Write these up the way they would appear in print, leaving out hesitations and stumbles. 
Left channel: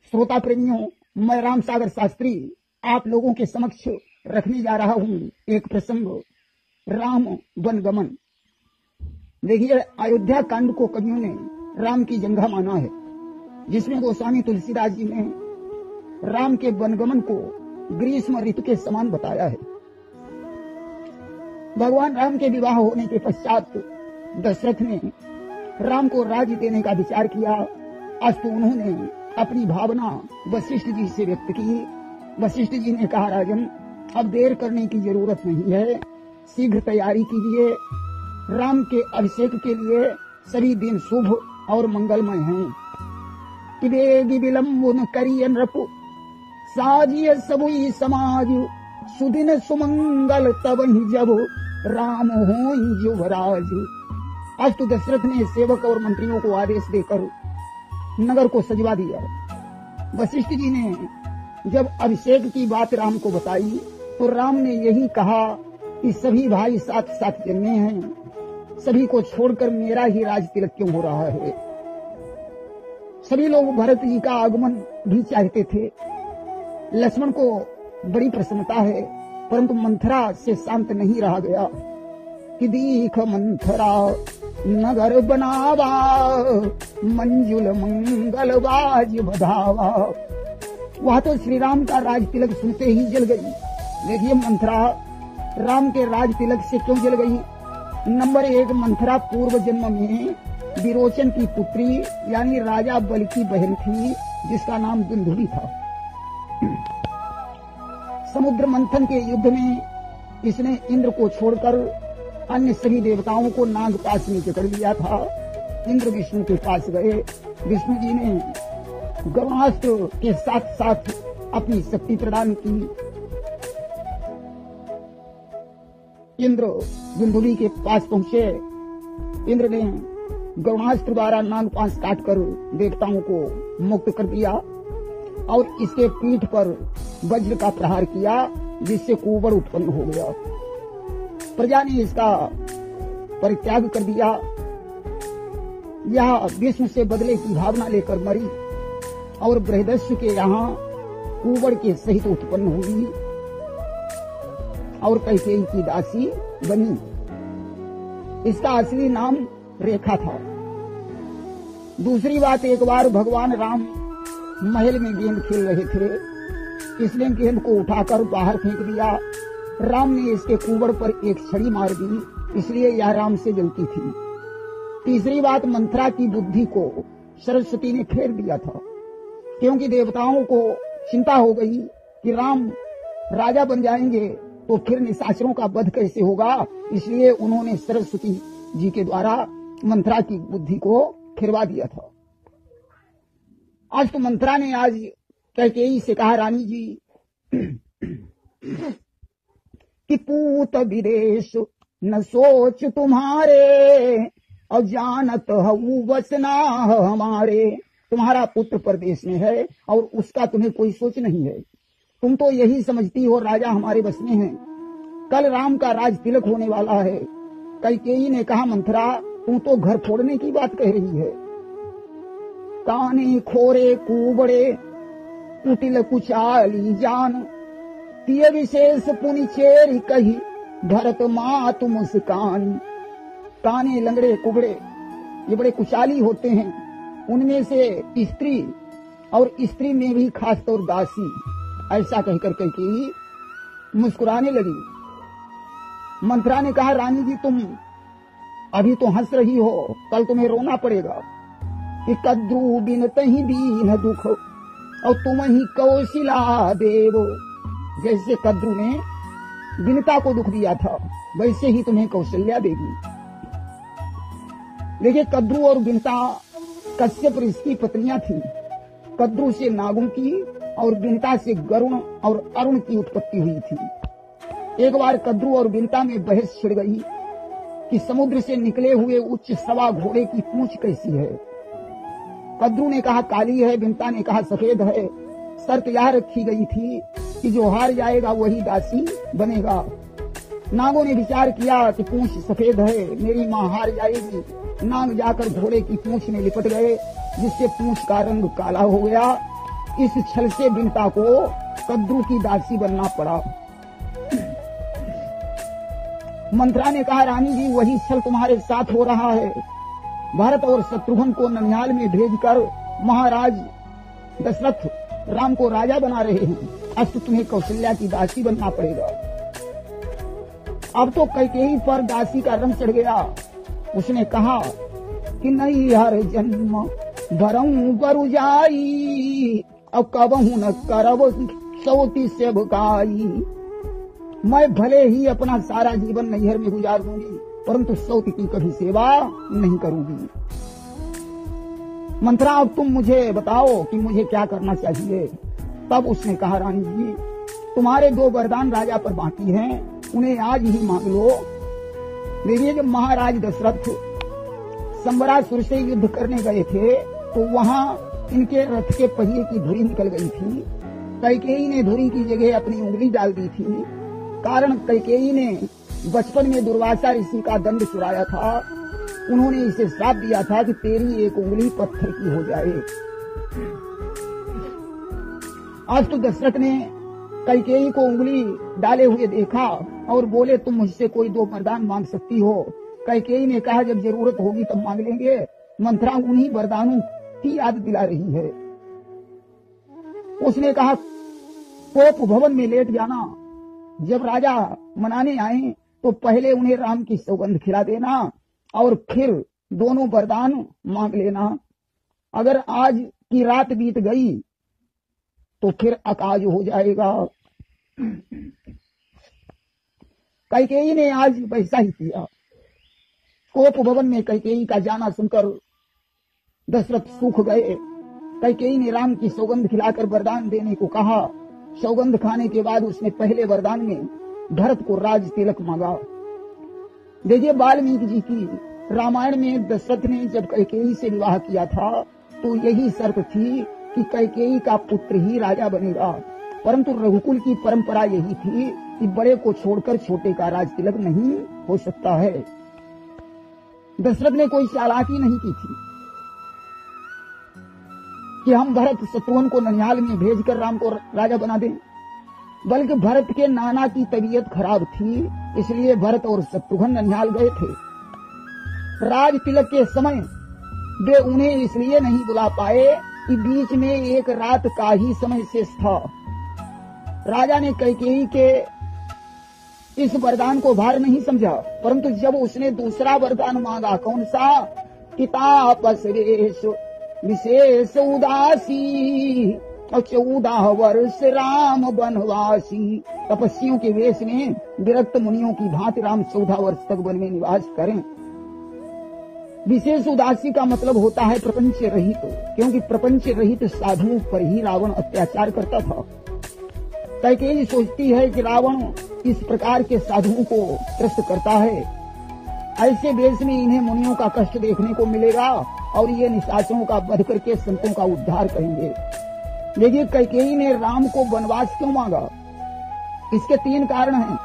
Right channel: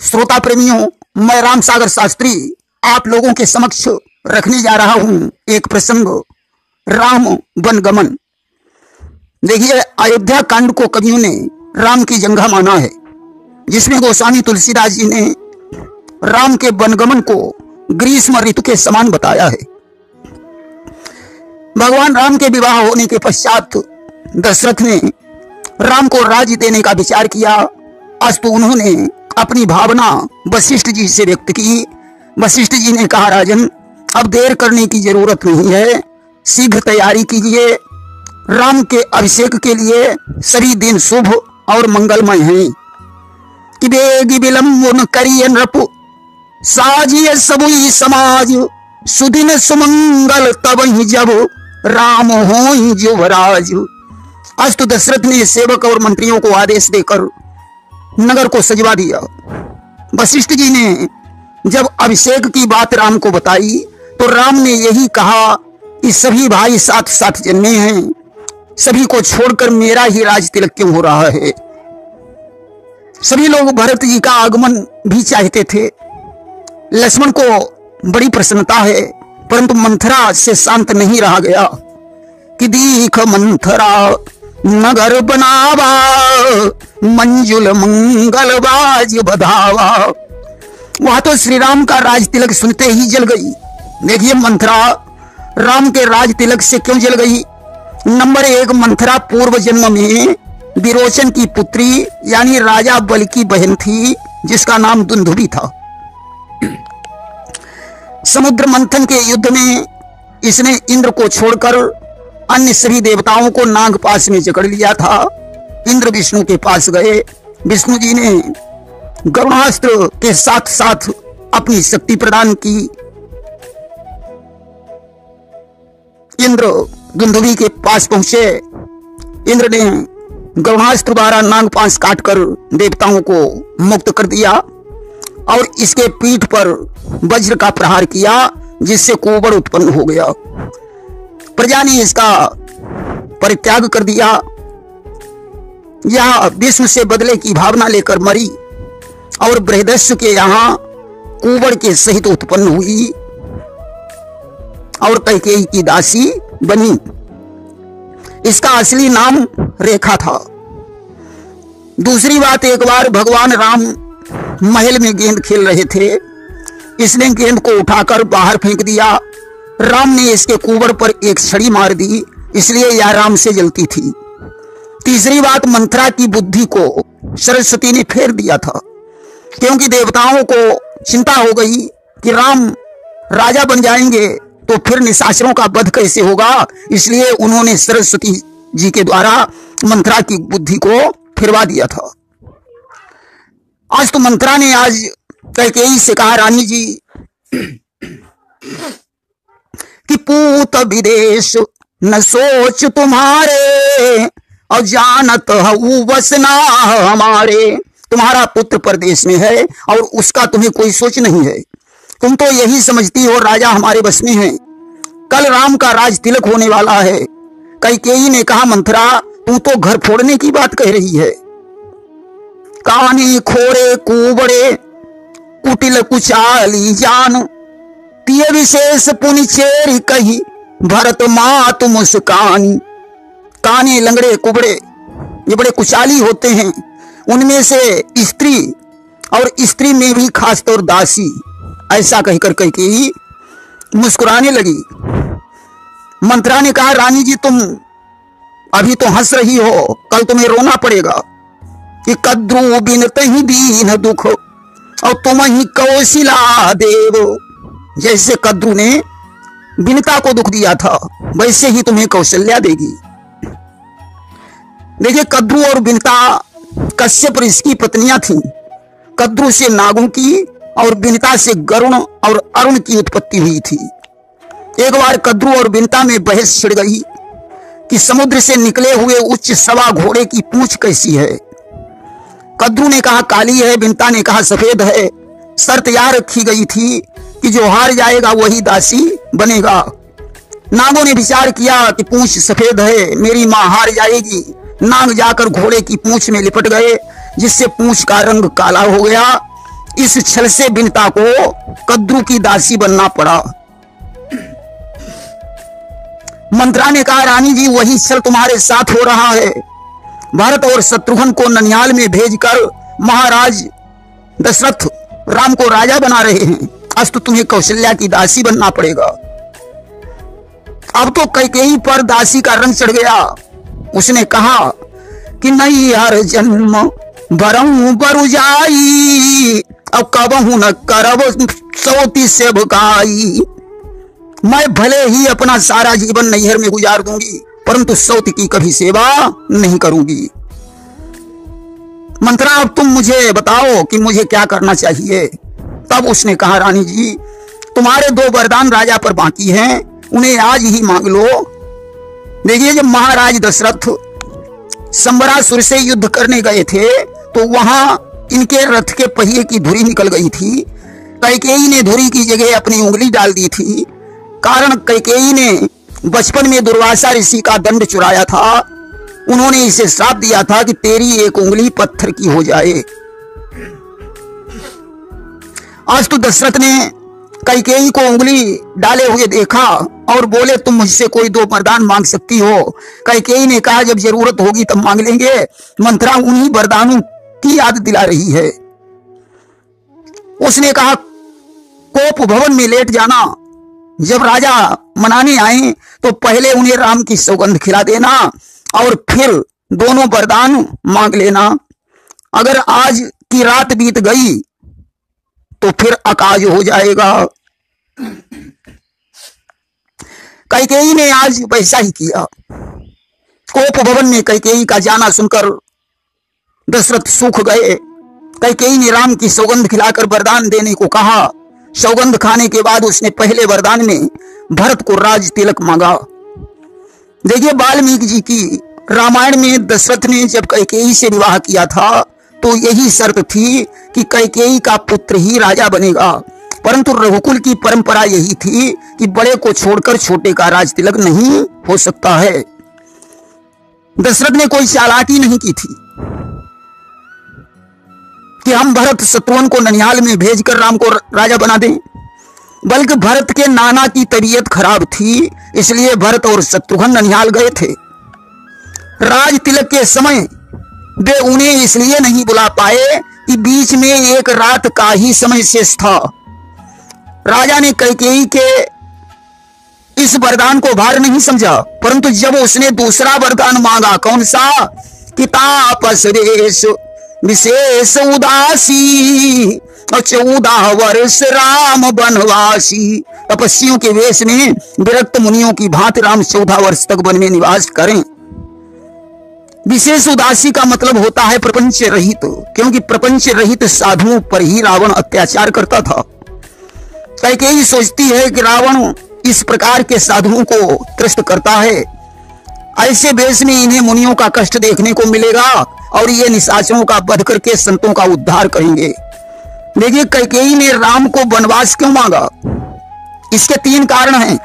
श्रोता प्रेमियों, मैं राम सागर शास्त्री आप लोगों के समक्ष रखने जा रहा हूं एक प्रसंग, राम वनगमन। देखिए, अयोध्या कांड को कवियों ने राम की जंघा माना है, जिसमें गोस्वामी तुलसीदास जी ने राम के वनगमन को ग्रीष्म ऋतु के समान बताया है। भगवान राम के विवाह होने के पश्चात दशरथ ने राम को राज्य देने का विचार किया। अस्तु उन्होंने अपनी भावना वशिष्ठ जी से व्यक्त की। वशिष्ठ जी ने कहा, राजन, अब देर करने की जरूरत नहीं है, शीघ्र तैयारी कीजिए। राम के अभिषेक के लिए सभी दिन शुभ और मंगलमय हैं। कि बेगी विलंब न करिए नृप, साजिए सबुई समाज, सुदिन सुमंगल तब ही जब राम हो युवराज। अस्तु दशरथ ने सेवक और मंत्रियों को आदेश देकर नगर को सजवा दिया। वशिष्ठ जी ने जब अभिषेक की बात राम को बताई तो राम ने यही कहा कि सभी भाई साथ साथ जन्मे हैं, सभी को छोड़कर मेरा ही राज तिलक क्यों हो रहा है। सभी लोग भरत जी का आगमन भी चाहते थे। लक्ष्मण को बड़ी प्रसन्नता है, परंतु मंथरा से शांत नहीं रहा गया। कि दीख मंथरा नगर बनावा, मंजुल मंगल बाज बधावा। वह तो श्री राम का राज तिलक सुनते ही जल गई। देखिए, मंथरा राम के राज तिलक से क्यों जल गई। नंबर 1, मंथरा पूर्व जन्म में विरोचन की पुत्री यानी राजा बलि की बहन थी, जिसका नाम दुंदुभि था। समुद्र मंथन के युद्ध में इसने इंद्र को छोड़कर अन्य सभी देवताओं को नागपाश में जकड़ लिया था। इंद्र विष्णु के पास गए। विष्णु जी ने गरुणास्त्र के साथ साथ अपनी शक्ति प्रदान की। इंद्र दुंदुभि के पास पहुंचे। इंद्र ने गरुणास्त्र द्वारा नागपाश काटकर देवताओं को मुक्त कर दिया और इसके पीठ पर वज्र का प्रहार किया, जिससे कुबड़ उत्पन्न हो गया। प्रजा ने इसका परित्याग कर दिया। यह विष्णु से बदले की भावना लेकर मरी और बृहदस्यु के यहाँ कुबड़ के सहित उत्पन्न हुई और कैकेयी की दासी बनी। इसका असली नाम रेखा था। दूसरी बात, एक बार भगवान राम महल में गेंद खेल रहे थे। इसने गेंद को उठाकर बाहर फेंक दिया। राम ने इसके कुबड़ पर एक छड़ी मार दी, इसलिए यह राम से जलती थी। तीसरी बात, मंथरा की बुद्धि को सरस्वती ने फेर दिया था, क्योंकि देवताओं को चिंता हो गई कि राम राजा बन जाएंगे तो फिर निशाचरों का वध कैसे होगा। इसलिए उन्होंने सरस्वती जी के द्वारा मंथरा की बुद्धि को फिरवा दिया था। आज तो मंथरा ने आज कैकेयी से कहा, रानी जी, कि पूत विदेश न सोच तुम्हारे, और जानत हूँ वसना हमारे। तुम्हारा पुत्र परदेश में है और उसका तुम्हें कोई सोच नहीं है। तुम तो यही समझती हो राजा हमारे बस में है। कल राम का राज तिलक होने वाला है। कैकेयी ने कहा, मंथरा, तू तो घर फोड़ने की बात कह रही है। कानी खोरे कुबड़े कुटिल कुचाली जान, तिय विशेष पुनि चेरी कही, भरत मात मुस्कानी। काने लंगड़े कुबड़े ये बड़े कुचाली होते हैं, उनमें से स्त्री और स्त्री में भी खासतौर दासी। ऐसा कहकर कैकेयी मुस्कुराने लगी। मंथरा ने कहा, रानी जी, तुम अभी तो हंस रही हो, कल तुम्हें रोना पड़ेगा। कि कद्रू बिनते ही दीन दुख, और तुम ही कौशिला देव। जैसे कद्रू ने बिनता को दुख दिया था, वैसे ही तुम्हें कौशल्या देगी। देखिए, कद्रू और बिनता कश्यप ऋषि की पत्नियां थीं। कद्रू से नागों की और बिनता से गरुण और अरुण की उत्पत्ति हुई थी। एक बार कद्रू और बिनता में बहस छिड़ गई कि समुद्र से निकले हुए उच्च सवा घोड़े की पूंछ कैसी है। कद्रू ने कहा काली है, बिनता ने कहा सफेद है। शर्त यह रखी गई थी कि जो हार जाएगा वही दासी बनेगा। नागों ने विचार किया कि पूंछ सफेद है, मेरी मां हार जाएगी। नाग जाकर घोड़े की पूंछ में लिपट गए, जिससे पूंछ का रंग काला हो गया। इस छल से बिनता को कद्रू की दासी बनना पड़ा। मंत्रा ने कहा, रानी जी वही छल तुम्हारे साथ हो रहा है। भरत और शत्रुघ्न को ननिहाल में भेजकर महाराज दशरथ राम को राजा बना रहे हैं। आज तो तुम्हें कौशल्या की दासी बनना पड़ेगा। अब तो कैकेयी पर दासी का रंग चढ़ गया। उसने कहा कि नहीं, हर जन्म भरऊं बरु जाई, अब कबहू न करब सौती से भुकाई। मैं भले ही अपना सारा जीवन नैहर में गुजार दूंगी, परंतु सौती की कभी सेवा नहीं करूंगी। मंत्रा, अब तुम मुझे बताओ कि मुझे क्या करना चाहिए। तब उसने कहा, रानी जी तुम्हारे 2 वरदान राजा पर बाकी हैं, उन्हें आज ही मांग लो। देखिए, जब महाराज दशरथ संबरासुर से युद्ध करने गए थे तो वहां इनके रथ के पहिए की धुरी निकल गई थी। कैकेयी ने धुरी की जगह अपनी उंगली डाल दी थी। कारण कैकेयी ने बचपन में दुर्वासा ऋषि का दंड चुराया था। उन्होंने इसे श्राप दिया था कि तेरी एक उंगली पत्थर की हो जाए। आज तो दशरथ ने कैकेयी को उंगली डाले हुए देखा और बोले, तुम मुझसे कोई 2 वरदान मांग सकती हो। कैकेयी ने कहा, जब जरूरत होगी तब मांग लेंगे। मंत्रा उन्हीं वरदानों की याद दिला रही है। उसने कहा, कोप भवन में लेट जाना। जब राजा मनाने आए तो पहले उन्हें राम की सौगंध खिला देना और फिर दोनों वरदान मांग लेना। अगर आज की रात बीत गई तो फिर अकाज हो जाएगा। कैकेयी ने आज वैसा ही किया। कोप भवन में कैकेयी का जाना सुनकर दशरथ सूख गए। कैकेयी ने राम की सौगंध खिलाकर वरदान देने को कहा। सौगंध खाने के बाद उसने पहले वरदान में भरत को राज तिलक मांगा। देखिए, वाल्मीकि जी की रामायण में दशरथ ने जब कैकेयी से विवाह किया था तो यही शर्त थी कि कैकेयी का पुत्र ही राजा बनेगा। परंतु रघुकुल की परंपरा यही थी कि बड़े को छोड़कर छोटे का राज तिलक नहीं हो सकता है। दशरथ ने कोई चालाकी नहीं की थी कि हम भरत शत्रुघ्न को ननिहाल में भेजकर राम को राजा बना दें, बल्कि भरत के नाना की तबीयत खराब थी, इसलिए भरत और शत्रुघ्न ननिहाल गए थे। राज तिलक के समय वे उन्हें इसलिए नहीं बुला पाए कि बीच में एक रात का ही समय शेष था। राजा ने कैकेयी के इस वरदान को भार नहीं समझा, परंतु जब उसने दूसरा वरदान मांगा, कौन सा, कि तापस वेश विशेष उदासी और 14 वर्ष राम बनवासी। तपस्वियों के वेश में विरक्त मुनियों की भांति राम 14 वर्ष तक वन में निवास करें। विशेष उदासी का मतलब होता है प्रपंच रहित, क्योंकि प्रपंच रहित साधुओं पर ही रावण अत्याचार करता था। कैकेयी सोचती है कि रावण इस प्रकार के साधुओं को त्रस्त करता है, ऐसे वेश में इन्हें मुनियों का कष्ट देखने को मिलेगा और ये निशाचरों का वध करके संतों का उद्धार करेंगे। देखिए, कैकेयी ने राम को वनवास क्यों मांगा, इसके 3 कारण हैं।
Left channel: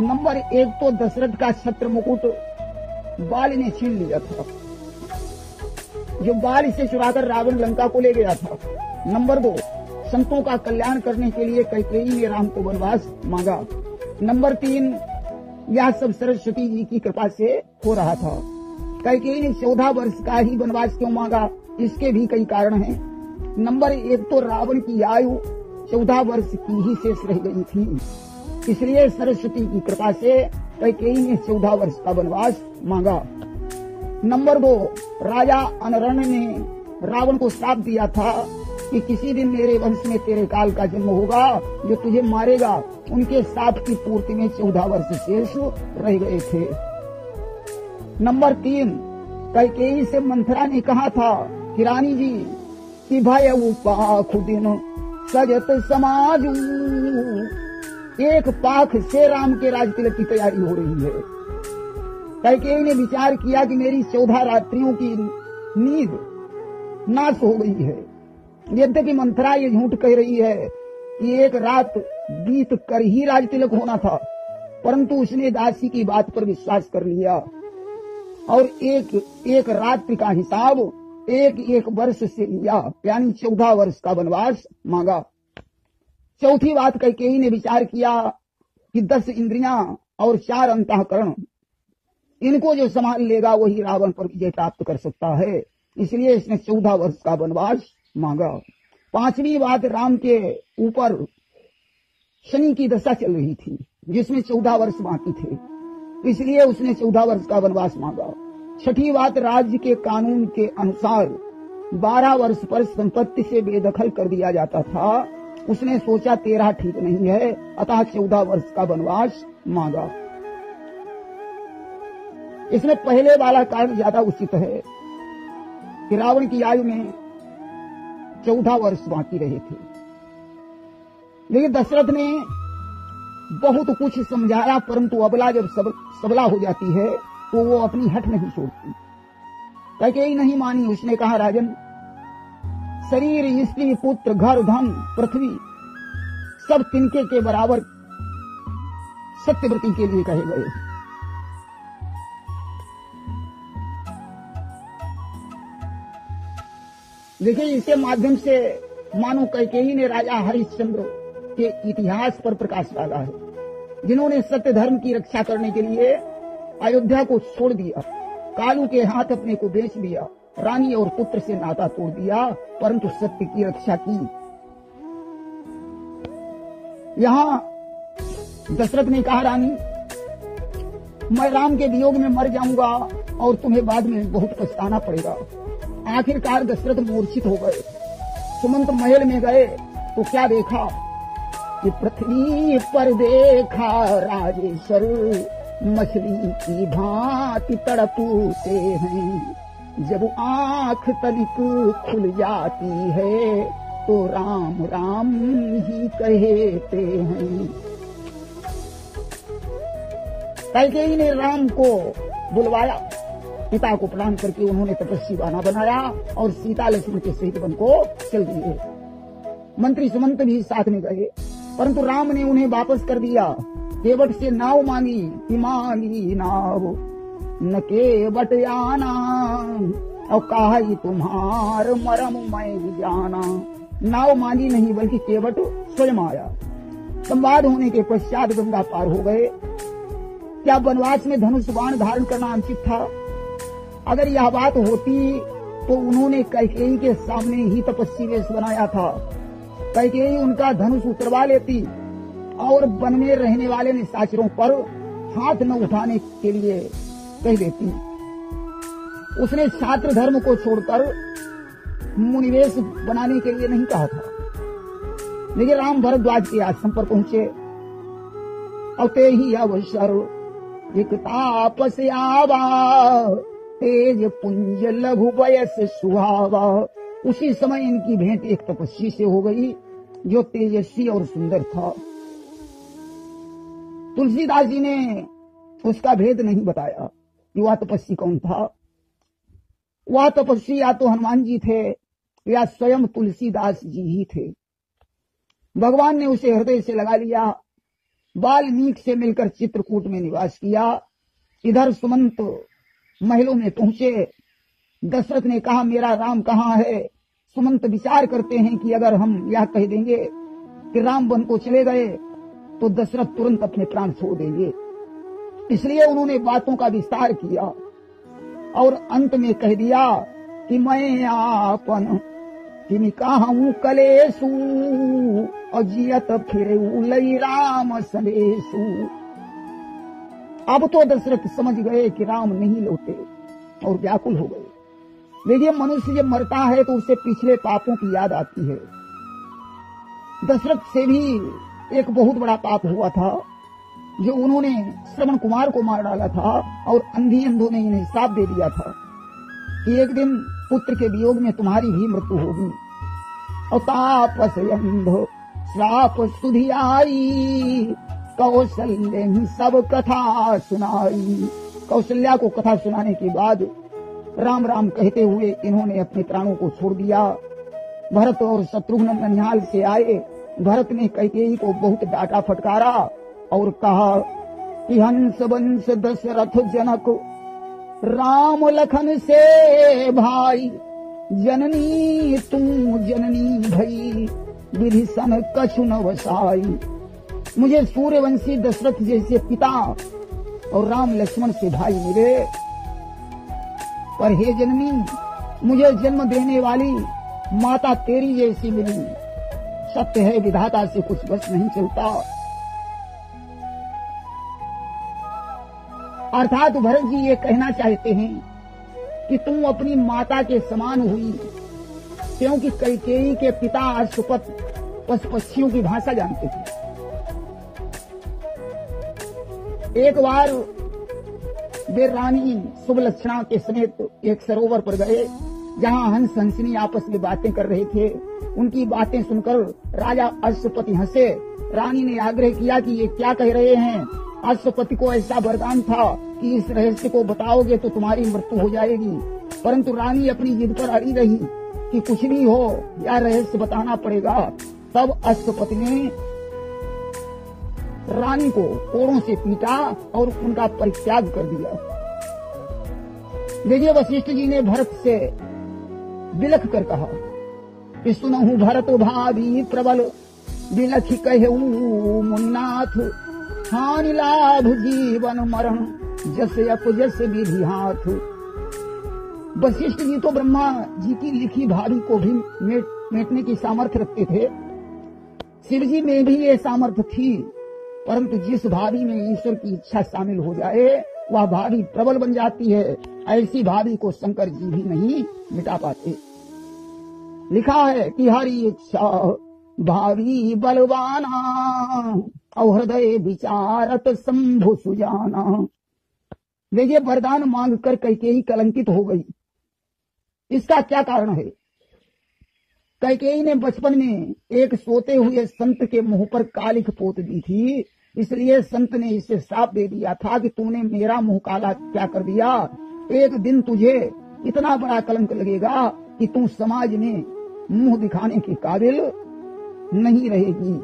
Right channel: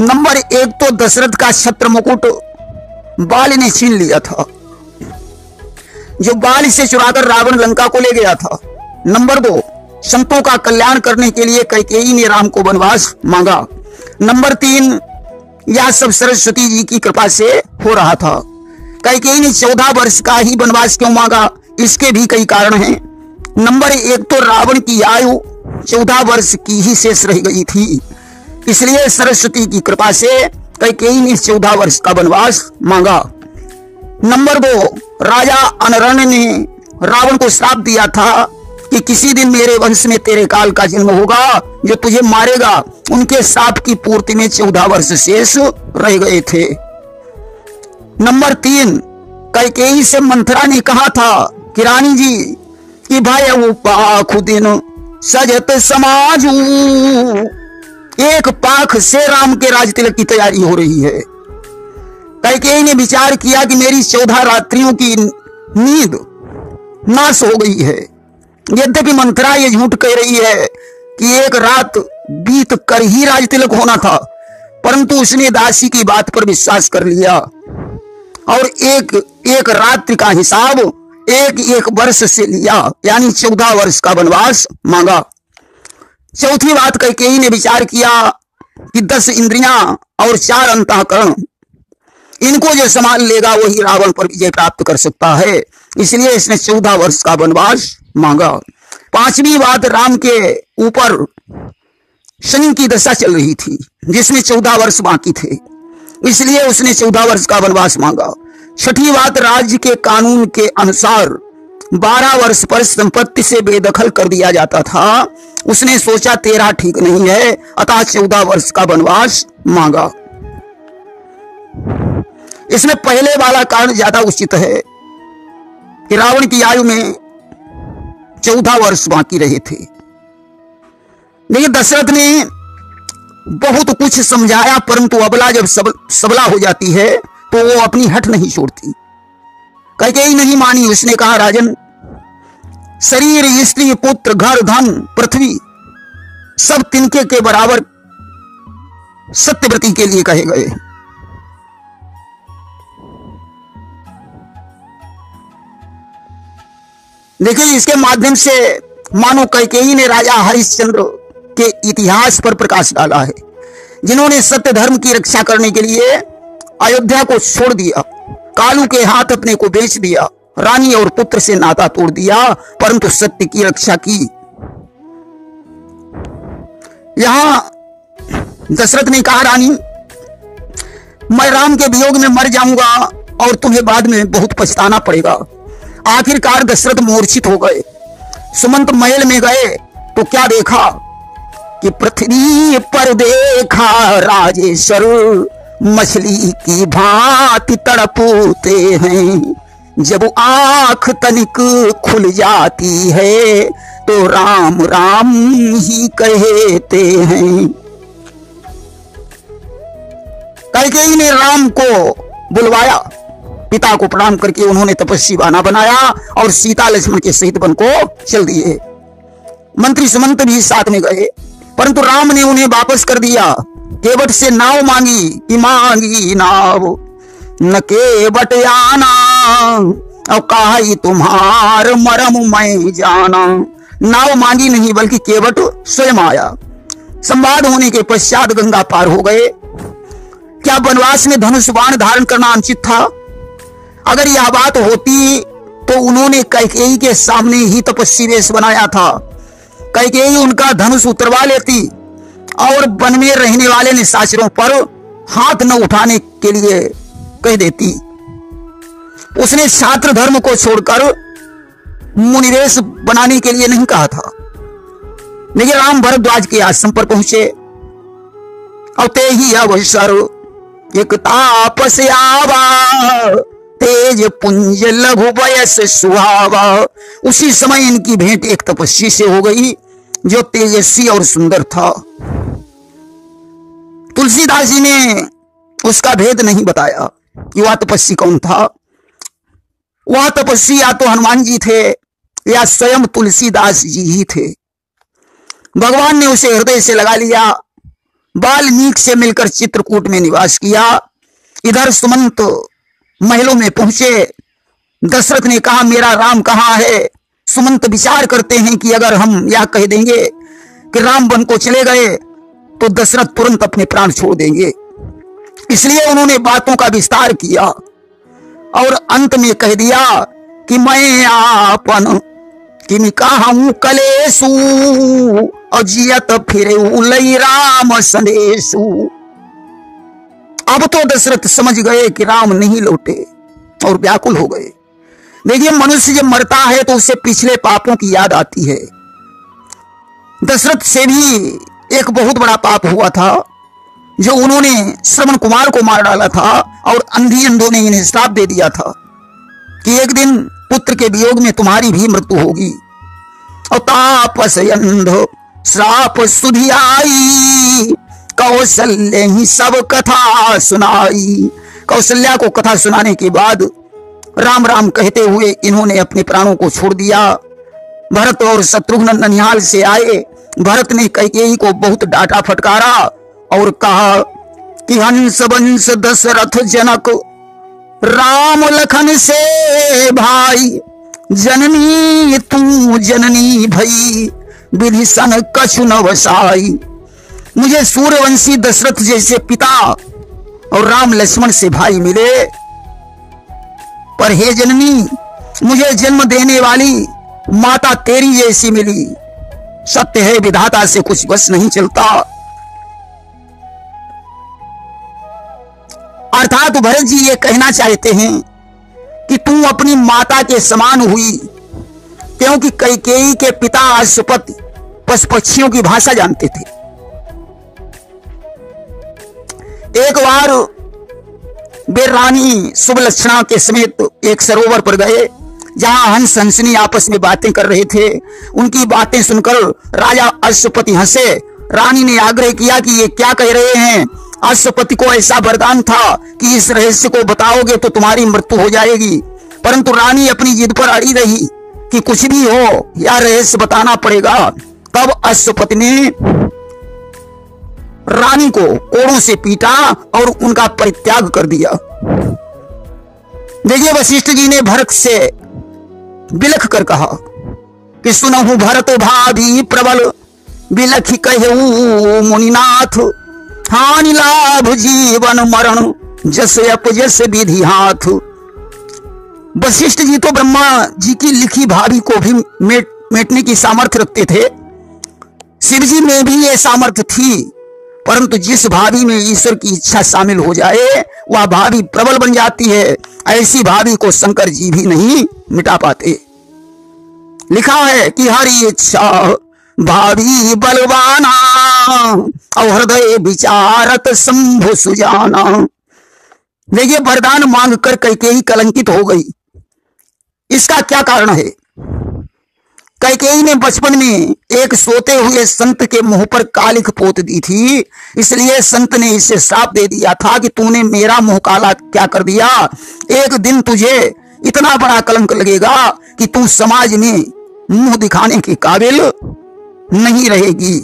नंबर 1 तो दशरथ का छत्र मुकुट बाल ने छीन लिया था, जो बाल से चुराकर रावण लंका को ले गया था। नंबर 2 संतों का कल्याण करने के लिए कैकेयी ने राम को वनवास मांगा। नंबर 3 यह सब सरस्वती जी की कृपा से हो रहा था। कैकेयी ने 14 वर्ष का ही वनवास क्यों मांगा, इसके भी कई कारण हैं। नंबर 1 तो रावण की आयु 14 वर्ष की ही शेष रह गई थी, इसलिए सरस्वती की कृपा से कैकेयी ने 14 वर्ष का वनवास मांगा। नंबर 2 राजा अनरण ने रावण को श्राप दिया था कि किसी दिन मेरे वंश में तेरे काल का जन्म होगा जो तुझे मारेगा। उनके श्राप की पूर्ति में 14 वर्ष शेष रह गए थे। नंबर 3 कैकेयी से मंथरा ने कहा था कि रानी जी कि भय पाख दिन सजत समाजू, एक पाख से राम के राज तिलक की तैयारी हो रही है। कैकेयी ने विचार किया कि मेरी 14 रात्रियों की नींद नाश हो गई है। यद्यपि मंथरा ये झूठ कह रही है कि एक रात बीत कर ही राज तिलक होना था, परंतु उसने दासी की बात पर विश्वास कर लिया और एक रात्रि का हिसाब एक एक वर्ष से लिया, यानी 14 वर्ष का वनवास मांगा। चौथी बात कैकेयी ने विचार किया कि 10 इंद्रियां और 4 अंतःकरण, इनको जो संभाल लेगा वही रावण पर विजय प्राप्त कर सकता है। इसलिए इसने 14 वर्ष का वनवास मांगा। पांचवी बात, राम के ऊपर शनि की दशा चल रही थी जिसमें 14 वर्ष बाकी थे, इसलिए उसने 14 वर्ष का वनवास मांगा। छठी बात, राज्य के कानून के अनुसार 12 वर्ष पर संपत्ति से बेदखल कर दिया जाता था। उसने सोचा 13 ठीक नहीं है, अतः 14 वर्ष का वनवास मांगा। इसमें पहले वाला कारण ज्यादा उचित है कि रावण की आयु में 14 वर्ष बाकी रहे थे। लेकिन दशरथ ने बहुत कुछ समझाया, परंतु अबला जब सबला हो जाती है तो वो अपनी हट नहीं छोड़ती। कैकेयी नहीं मानी। उसने कहा, राजन, शरीर, स्त्री, पुत्र, घर, धन, पृथ्वी सब तिनके के बराबर सत्यव्रती के लिए कहे गए। देखिए, इसके माध्यम से मानो कैकेयी ने राजा हरिश्चंद्र के इतिहास पर प्रकाश डाला है, जिन्होंने सत्य धर्म की रक्षा करने के लिए अयोध्या को छोड़ दिया, कालू के हाथ अपने को बेच दिया, रानी और पुत्र से नाता तोड़ दिया, परंतु सत्य की रक्षा की। यहां दशरथ ने कहा, रानी, मैं राम के वियोग में मर जाऊंगा और तुम्हें बाद में बहुत पछताना पड़ेगा। आखिरकार दशरथ मूर्छित हो गए। सुमंत महल में गए तो क्या देखा कि पृथ्वी पर देखा राजेश्वर मछली की भांति तड़पते हैं, जब आंख तनिक खुल जाती है तो राम राम ही कहते हैं। कैकेयी ने राम को बुलवाया, पिता को प्रणाम करके उन्होंने तपस्वी बाना बनाया और सीता लक्ष्मण के सहित वन को चल दिए। मंत्री सुमंत भी साथ में गए, परंतु राम ने उन्हें वापस कर दिया। केवट से नाव मांगी कि मांगी नाव न केवट आना, और कहा तुम्हार मरम मैं जाना। नाव मांगी नहीं बल्कि केवट स्वयं आया। संवाद होने के पश्चात गंगा पार हो गए। क्या वनवास में धनुष बाण धारण करना अनुचित था? अगर यह बात होती तो उन्होंने कैकेयी के सामने ही तपस्वी वेश बनाया था। कैकेयी उनका धनुष उतरवा लेती और वन में रहने वाले निशाचरों पर हाथ न उठाने के लिए कह देती। उसने छात्र धर्म को छोड़कर मुनिवेश बनाने के लिए नहीं कहा था। लेकिन राम भरद्वाज के आश्रम पर पहुंचे और ते ही अवसर एक तापस आवा, तेज पुंज लघु वयस सुहावा। उसी समय इनकी भेंट एक तपस्वी से हो गई जो तेजस्वी और सुंदर था। तुलसीदास जी ने उसका भेद नहीं बताया कि वह तपस्वी कौन था। वह तपस्वी या तो हनुमान जी थे या स्वयं तुलसीदास जी ही थे। भगवान ने उसे हृदय से लगा लिया। वाल्मीकि से मिलकर चित्रकूट में निवास किया। इधर सुमंत महलों में पहुंचे। दशरथ ने कहा, मेरा राम कहाँ है? सुमंत विचार करते हैं कि अगर हम यह कह देंगे कि राम वन को चले गए तो दशरथ तुरंत अपने प्राण छोड़ देंगे। इसलिए उन्होंने बातों का विस्तार किया और अंत में कह दिया कि मैं आपन किम कहूं कलेसु अजियत फिरे उलई राम संदेशु। अब तो दशरथ समझ गए कि राम नहीं लौटे और व्याकुल हो गए। देखिए, मनुष्य जब मरता है तो उसे पिछले पापों की याद आती है। दशरथ से भी एक बहुत बड़ा पाप हुआ था जो उन्होंने श्रवण कुमार को मार डाला था और अंधी अंधों ने इन्हें श्राप दे दिया था कि एक दिन पुत्र के वियोग में तुम्हारी भी मृत्यु होगी। और तापस अंध श्राप सुधि आई, कौशल्य ही सब कथा सुनाई। कौशल्या को कथा सुनाने के बाद राम राम कहते हुए इन्होंने अपने प्राणों को छोड़ दिया। भरत और शत्रुघ्न ननिहाल से आए। भरत ने कैकेयी को बहुत डांटा फटकारा और कहा कि हंस वंश दशरथ जनक राम लखन से भाई, जननी तू जननी भई विधि सन कछु न वसाई। मुझे सूर्यवंशी दशरथ जैसे पिता और राम लक्ष्मण से भाई मिले, पर हे जननी मुझे जन्म देने वाली माता तेरी जैसी मिली। सत्य है विधाता से कुछ बस नहीं चलता। अर्थात भरत जी ये कहना चाहते हैं कि तू अपनी माता के समान हुई, क्योंकि कैकेयी के पिता अश्वपति पशु पक्षियों की भाषा जानते थे। एक बार वे रानी सुबलक्षणा के समेत एक सरोवर पर गए, जहां हंस हंसनी आपस में बातें कर रहे थे। उनकी बातें सुनकर राजा अश्वपति हंसे। रानी ने आग्रह किया कि ये क्या कह रहे हैं। अश्वपति को ऐसा वरदान था कि इस रहस्य को बताओगे तो तुम्हारी मृत्यु हो जाएगी, परंतु रानी अपनी जिद पर अड़ी रही कि कुछ भी हो यह रहस्य बताना पड़ेगा। तब अश्वपति ने रानी को कोड़ों से पीटा और उनका परित्याग कर दिया। देखिए वशिष्ठ जी ने भरत से बिलख कर कहा कि सुनहु भरत भाभी प्रबल बिलख कहू मुनिनाथ, हानि लाभ जीवन मरण जस अपजस विधि हाथ। वशिष्ठ जी तो ब्रह्मा जी की लिखी भावी को भी मेटने की सामर्थ्य रखते थे। शिव जी में भी ये सामर्थ्य थी, परंतु जिस भावी में ईश्वर की इच्छा शामिल हो जाए वह भावी प्रबल बन जाती है। ऐसी भावी को शंकर जी भी नहीं मिटा पाते। लिखा है कि हरि इच्छा भावी बलवाना और हृदय विचारत शंभु सुजाना। देखिए वरदान मांग कर कैकेयी कलंकित हो गई। इसका क्या कारण है? कैकेयी ने बचपन में एक सोते हुए संत के मुंह पर कालिख पोत दी थी, इसलिए संत ने इसे श्राप दे दिया था कि तूने मेरा मुंह काला क्या कर दिया। एक दिन तुझे इतना बड़ा कलंक लगेगा कि तू समाज में मुंह दिखाने के काबिल नहीं रहेगी।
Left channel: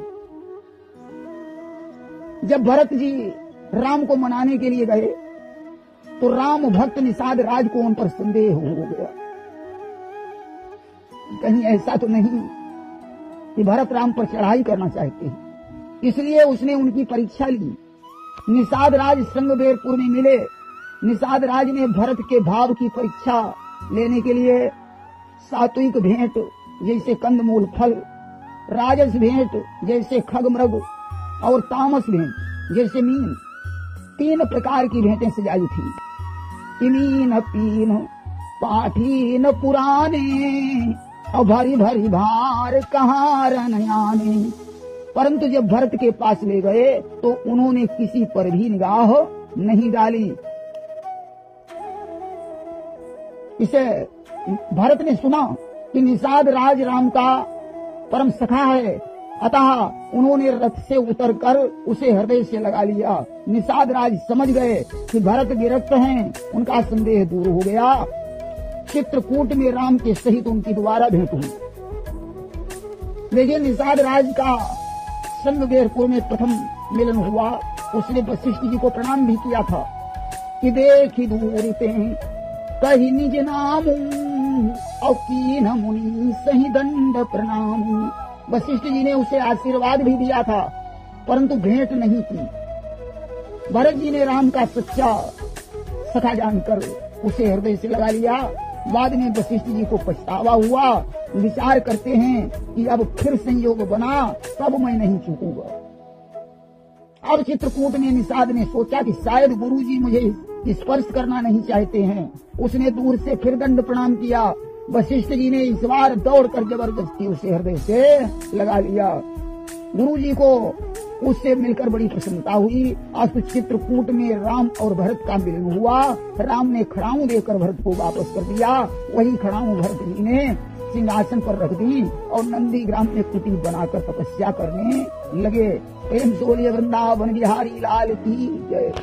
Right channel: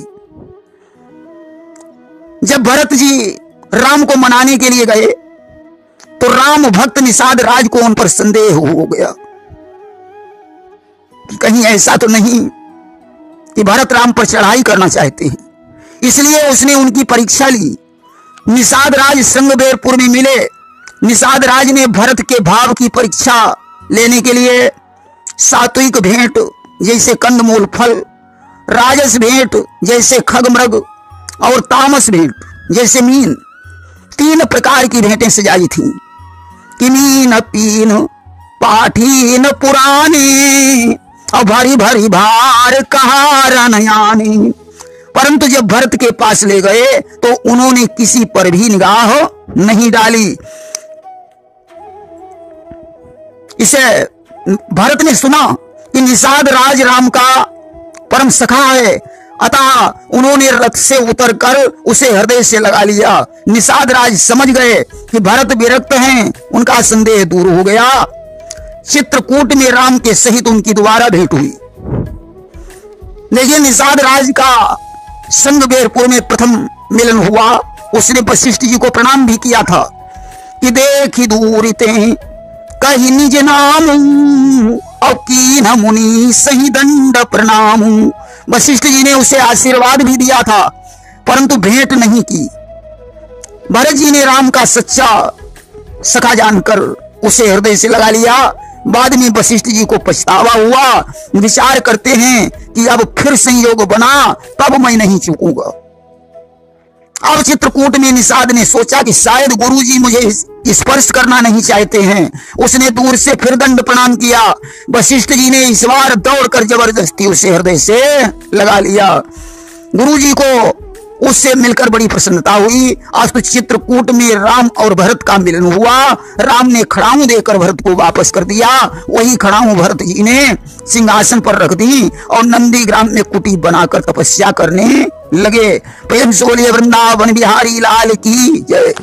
जब भरत जी राम को मनाने के लिए गए तो राम भक्त निषाद राज को उन पर संदेह हो गया कि कहीं ऐसा तो नहीं कि भरत राम पर चढ़ाई करना चाहते हैं। इसलिए उसने उनकी परीक्षा ली। निषाद राज श्रृंगबेरपुर में मिले। निषाद राज ने भरत के भाव की परीक्षा लेने के लिए सात्विक भेंट जैसे कंदमूल फल, राजस भेंट जैसे खगमृग और तामस भेंट जैसे मीन, 3 प्रकार की भेंटें सजाई थी। किमीन पीन पाठीन पुरानी और भरी भरी भार कहारा नयानी। परंतु जब भरत के पास ले गए तो उन्होंने किसी पर भी निगाह नहीं डाली। इसे भरत ने सुना कि निषाद राज राम का परम सखा है, अतः उन्होंने रथ से उतरकर उसे हृदय से लगा लिया। निषाद राज समझ गए कि भरत विरक्त हैं, उनका संदेह दूर हो गया। चित्रकूट में राम के सहित उनकी दोबारा भेंट हुई। देखिए निषाद राज का श्रृंगबेरपुर में प्रथम मिलन हुआ। उसने वशिष्ठ जी को प्रणाम भी किया था कि देखी दूर ते कही निज नाम और कीन मुनि सही दंड प्रणाम। वशिष्ठ जी ने उसे आशीर्वाद भी दिया था, परंतु भेंट नहीं की। भरत जी ने राम का सच्चा सखा जानकर उसे हृदय से लगा लिया। बाद में वशिष्ठ जी को पछतावा हुआ। विचार करते हैं कि अब फिर संयोग बना तब मैं नहीं चूकूंगा। अब चित्रकूट में निषाद ने सोचा कि शायद गुरुजी मुझे स्पर्श करना नहीं चाहते हैं। उसने दूर से फिर दंड प्रणाम किया। वशिष्ठ जी ने इस बार दौड़कर जबरदस्ती उसे हृदय से लगा लिया। गुरुजी को उससे मिलकर बड़ी प्रसन्नता हुई। आज तो चित्रकूट में राम और भरत का मिलन हुआ। राम ने खड़ाऊं देकर भरत को वापस कर दिया। वही खड़ाऊं भरत जी ने सिंहासन पर रख दी और नंदीग्राम में कुटी बनाकर तपस्या करने लगे। प्रेम से बोलिए वृंदावन बिहारी लाल की जय।